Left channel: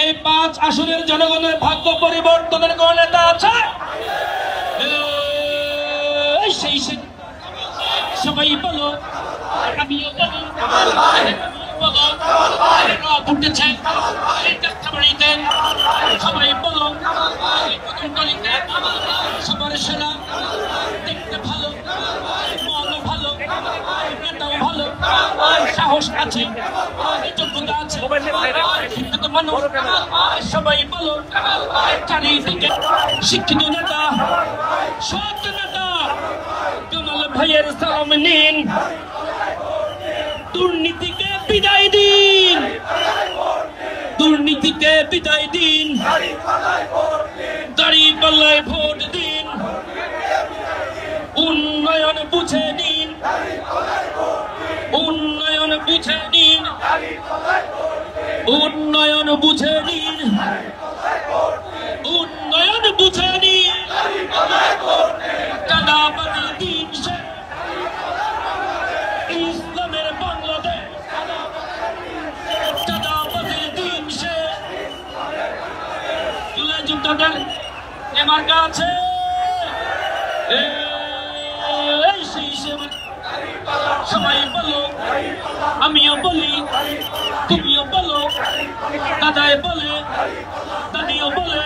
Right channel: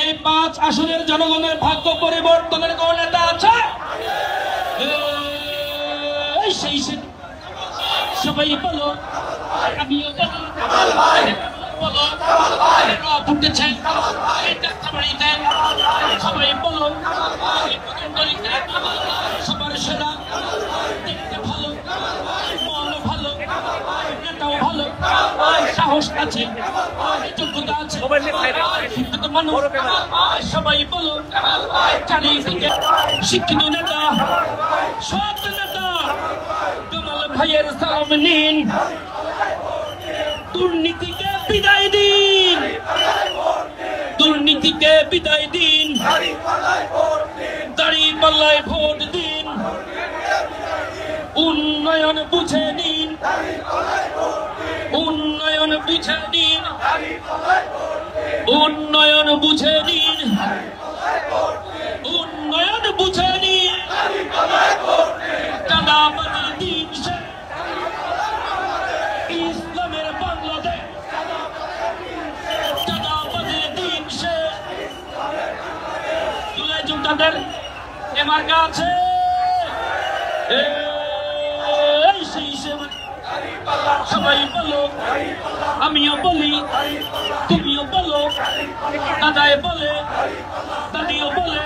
এই 5 আসনের জনগণের ভাগ্য পরিবর্তনের কোন নেতা আছে? সেই সবাই বলো, আমিও বলো চাই সবাই বলো, সবার সেরা, দেখতে ভালো, মনও ভালো, নেতাও ভালো, সাহস আছে, যোগ্যতা আছে, মানুষ সবাই বলো, চারিদিকে শিক্ষিত নেতা, সব নেতা কামাল ভাইয়ের সালাম নিন। দুর্নীতিকে বিদায় দিন, দুর্নীতিকে বিদায় দিন, দাঁড়িপাল্লায় ভোট দিন, উন্নয়ন বুঝে নিন, উন্নয়ন বুঝে নিন, উন্নয়ন বুঝে নিন, উন্নয়ন বুঝে নিন, কাদাবাড়ি দিন ইসলামের বাংলাদেশ, কাদাবাড়ির দিন সে তাদের এমার্কা আছে, সবাই বলো, আমিও বলি, তুমিও বলো, দাদাই বলে, দাদিও বলে,